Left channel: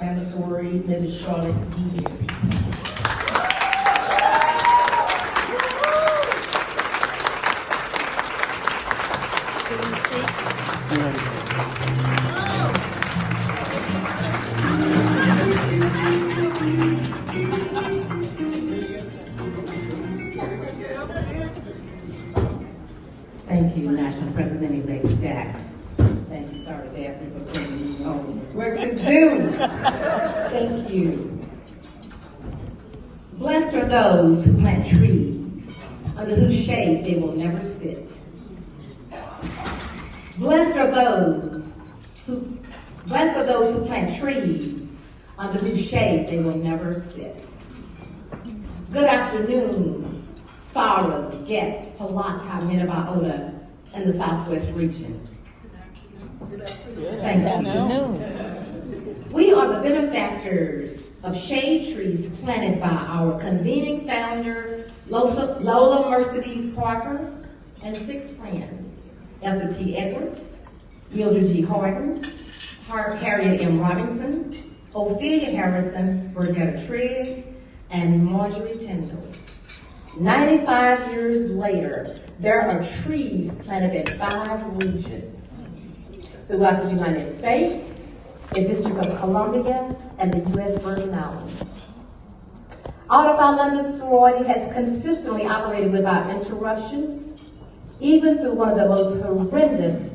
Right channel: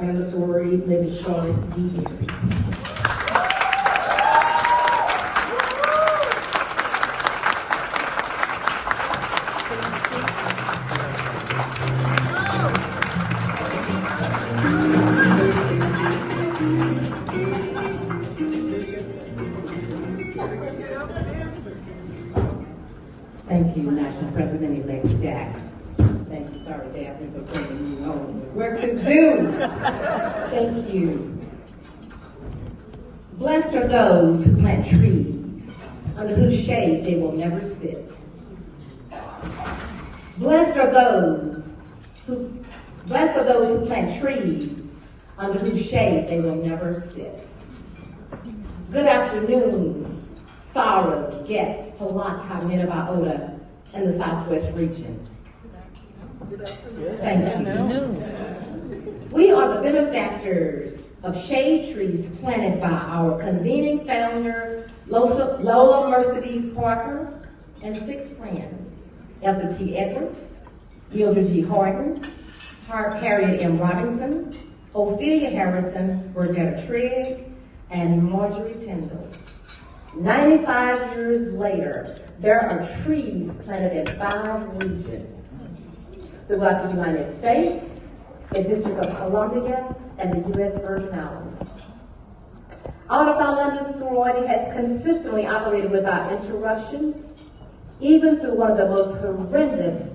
Mandatory, Mrs. Charlotte D. Beard. Thank you, National President-elect Jax. Thank you, sorry, Daphne, for bringing me on work to do. Thank you. Blessed are those who plant trees under whose shade they will never sit. Blessed are those who plant trees under whose shade they will never sit. Good afternoon, Saras, guests, Palata, Minnevaota, and the Southwest region. Thank you. We are the benefactors of shade trees planted by our convening founder, Lola Mercedes Parker, and 6 friends, Ethel T. Edwards, Mildred G. Harden, Harriet M. Robinson, Ophelia Harrison, Bernetta Trigg, and Marjorie Tyndall. 95 years later, there are trees planted in 5 regions throughout the United States, the District of Columbia, and the U.S. Virgin Islands. Audubon London sorority has consistently operated without interruptions, even through one of the most horrendous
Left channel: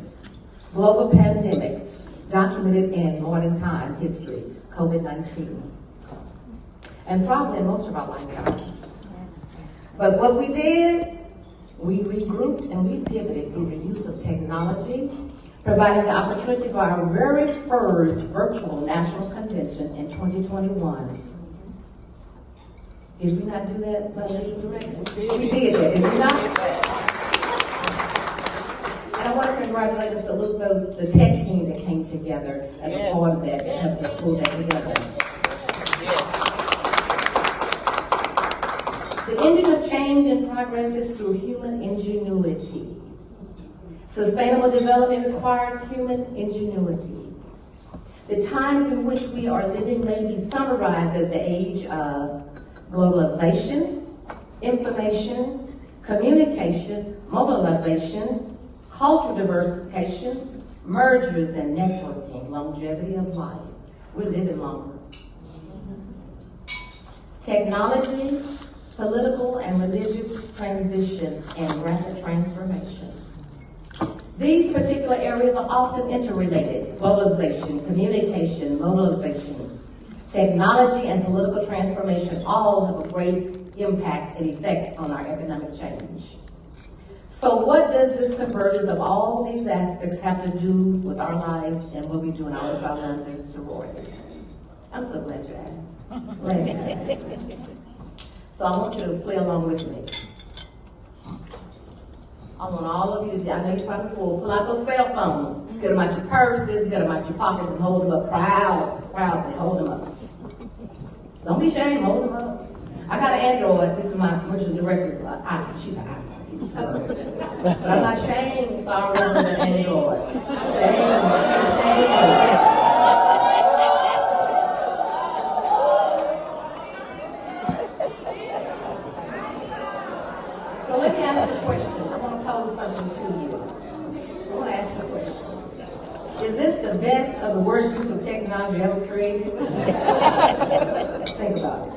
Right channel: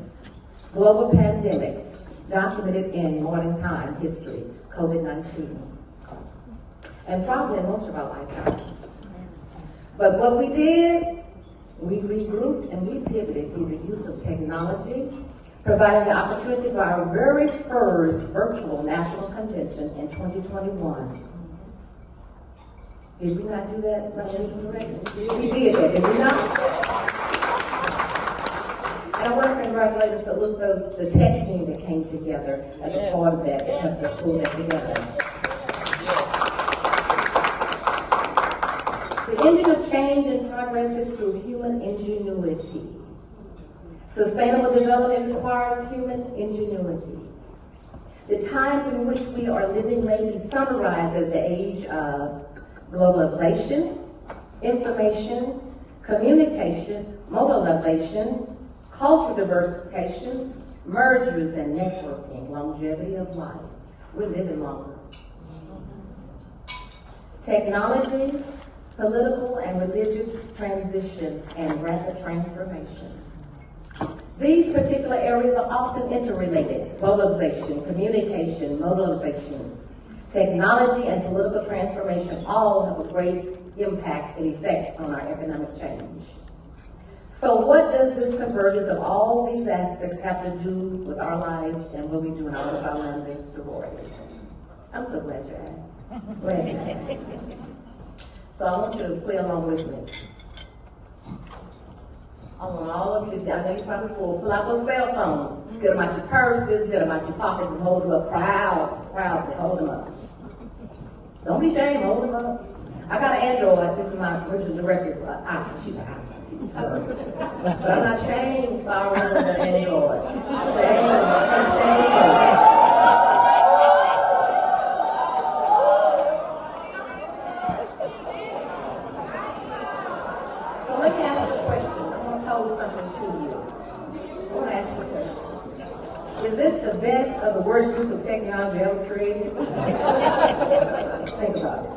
global pandemics documented in modern time history, COVID-19, and probably in most of our lifetimes. But what we did, we regrouped and we pivoted through the use of technology, providing the opportunity for our very first virtual national convention in 2021. Did we not do that, Revolution Director? We did that, did we not? And I want to congratulate and salute the tech team that came together as a part of that helped us pull that together. The engine of change and progress is through human ingenuity. Sustainable development requires human ingenuity. The times in which we are living may be summarized as the age of globalization, information, communication, mobilization, cultural diversification, mergers and networking, longevity of life. We're living longer. Technology, political and religious transition, and rapid transformation. These particular areas are often interrelated. Globalization, communication, mobilization, technology, and political transformation all have a great impact and effect on our economic change. So what does this convergence of all these aspects have to do with our lives and what we do in our London sorority? I'm so glad you asked. Glad you asked. So I want you to play along with me. I want all of you, I know you're probably full, pull out those cell phones, get them out your purses, get them out your pockets, and hold them up proudly, hold them up. Don't be ashamed, hold them up. I got an Android, this is my original director's iPhone, she's an iPhone. But I'm not ashamed, sorry, with the Android. Shame. So let me ask you a question. I want to pose something to you. I want to ask you a question. Is this the best or the worst use of technology ever created? Think about it.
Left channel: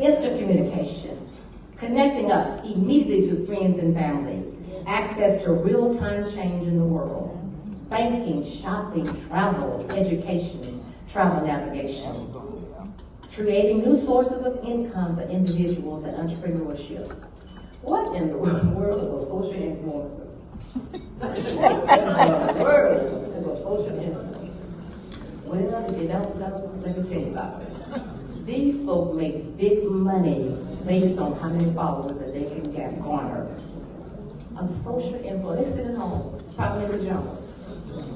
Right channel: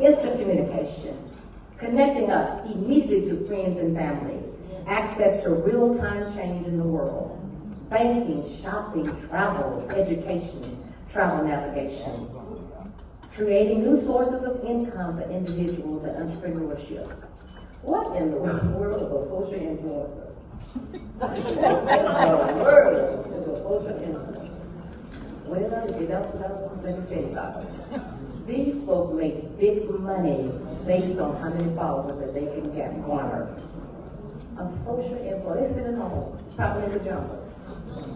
Instant communication, connecting us immediately to friends and family, access to real-time change in the world, banking, shopping, travel, education, travel navigation, creating new sources of income for individuals and entrepreneurship. What in the world is a social influencer? What in the world is a social influencer? Well, if you don't know, let me tell you about it. These folks make big money based on how many followers that they can get garnered. A social influencer, they sit at home, probably in pajamas,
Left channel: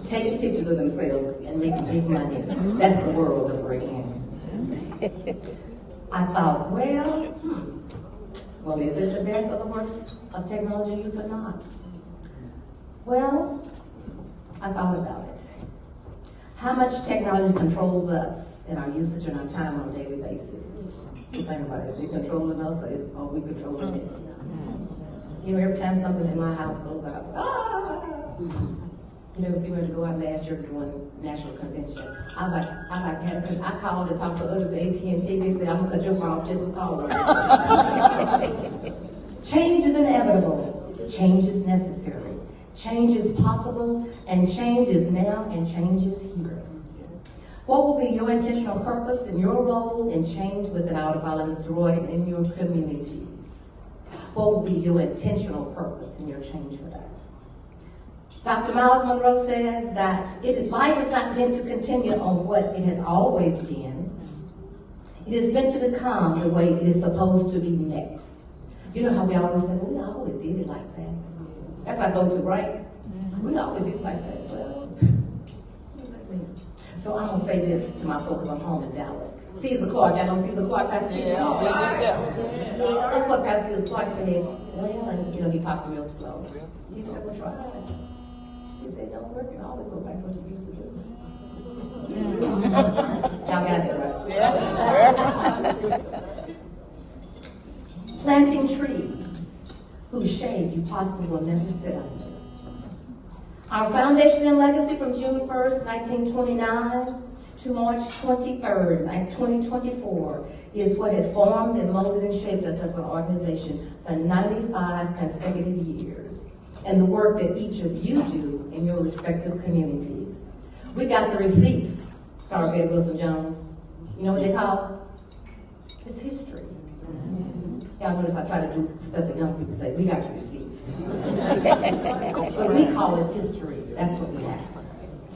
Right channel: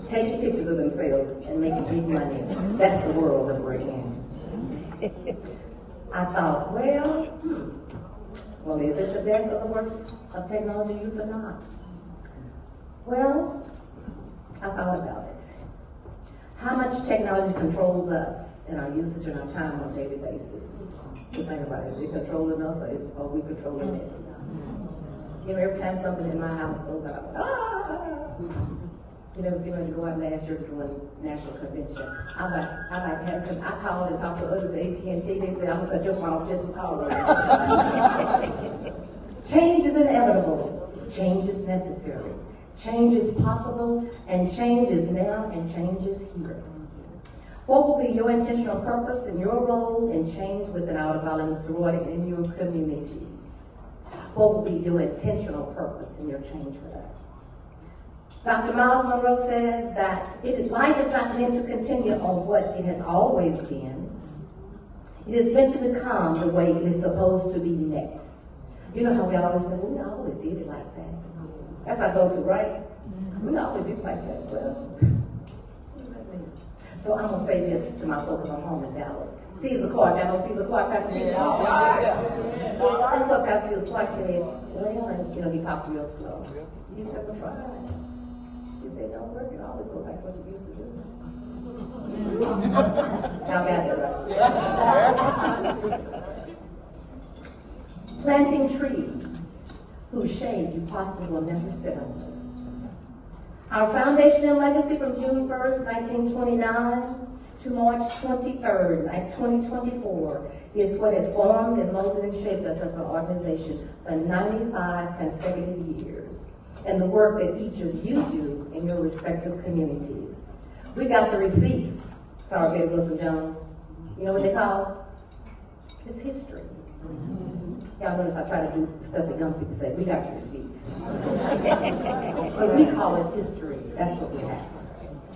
taking pictures of themselves and making big money. That's the world that we're in. I thought, well, is it the best or the worst of technology use or not? Well, I thought about it. How much technology controls us in our usage and our time on a daily basis. So think about it, is it controlling us or are we controlling it? You know, every time something in my house goes out, you know, I was getting ready to go out last year to one national convention. I like having, because I called and talked to others at AT&T, they said, I'm gonna cut your phone off just for calling. Change is inevitable, change is necessary, change is possible, and change is now, and change is here. What will be your intentional purpose and your role in change within our development sorority and in your communities? What will be your intentional purpose in your change for that? Dr. Miles Monroe says that life is not meant to continue on what it has always been. It is meant to become the way it is supposed to be next. You know how we always say, well, we always did it like that. That's our go-to, right? We always did it like that. Well, so I'm gonna say this to my folks at home in Dallas. Caesar Clark, I know Caesar Clark, Pastor Caesar Clark. That's what Pastor Caesar Clark said. Well, and you know, he talked real slow. He said, well, try it. He said, don't work, you always go back to what you used to do. Y'all got it, right? Yeah. Planting trees whose shade you possibly will never sit under. Our foundation and legacy from June 1st, 1929 to March 23rd, 2024 is what has formed and molded and shaped us as an organization for 95 consecutive years, and the work that each of you do in your respective communities. We got the receipts. Sorry, Betty Wilson Jones. You know what they call it? It's history. Y'all notice I try to do stuff that young people say. We got your receipts. But we call it history. That's what we have.